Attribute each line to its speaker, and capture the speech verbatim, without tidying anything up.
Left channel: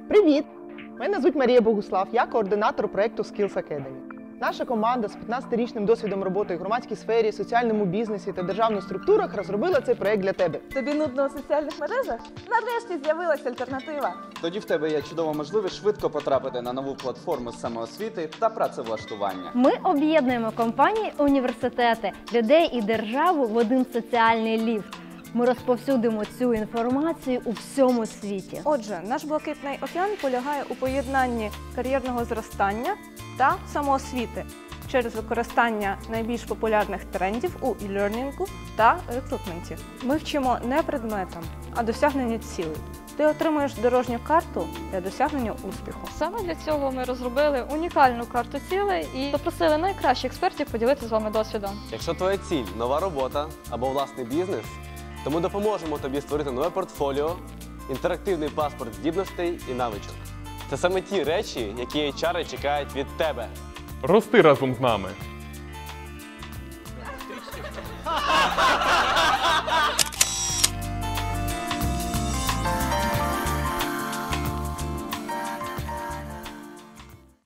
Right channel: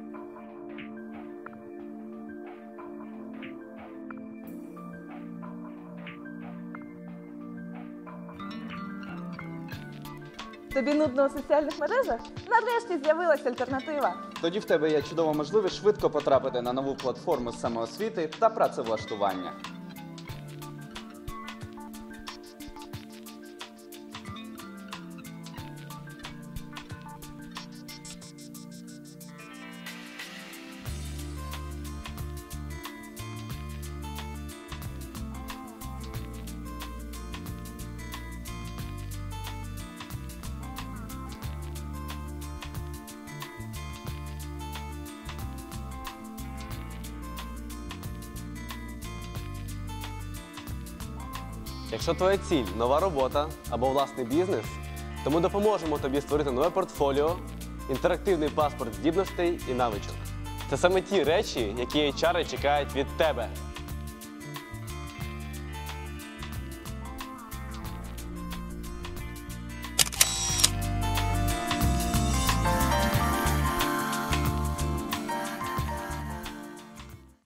Speaker 1: Привіт! Мене звуть Марія Богуслав, я координатор проєкту Skills Academy. Наша команда з п'ятнадцятирічним досвідом роботи в громадській сфері, соціальному бізнесі та державних структурах розробила цей проєкт для тебе.
Speaker 2: Тобі нудно у соціальних мережах? Нарешті з'явилася альтернатива.
Speaker 3: Тоді в тебе є чудова можливість швидко потрапити на нову платформу самоосвіти та працевлаштування.
Speaker 4: Ми об'єднуємо компанії, університети, людей і державу в один соціальний ліфт. Ми розповсюдимо цю інформацію у всьому світі.
Speaker 2: Отже, наш блакитний океан полягає у поєднанні кар'єрного зростання та самоосвіти через використання найбільш популярних трендів у e-learning та рекрутменті. Ми вчимо не предметам, а досягненню цілей. Ти отримуєш дорожню карту для досягнення успіху.
Speaker 5: Саме для цього ми розробили унікальну карту цілей і запросили найкращих експертів поділитися з вами досвідом.
Speaker 6: Якщо твоя ціль – нова робота або власний бізнес, то ми допоможемо тобі створити нове портфоліо, інтерактивний паспорт здібностей і навичок. Це саме ті речі, які ейч ар чекають від тебе.
Speaker 7: Рости разом з нами!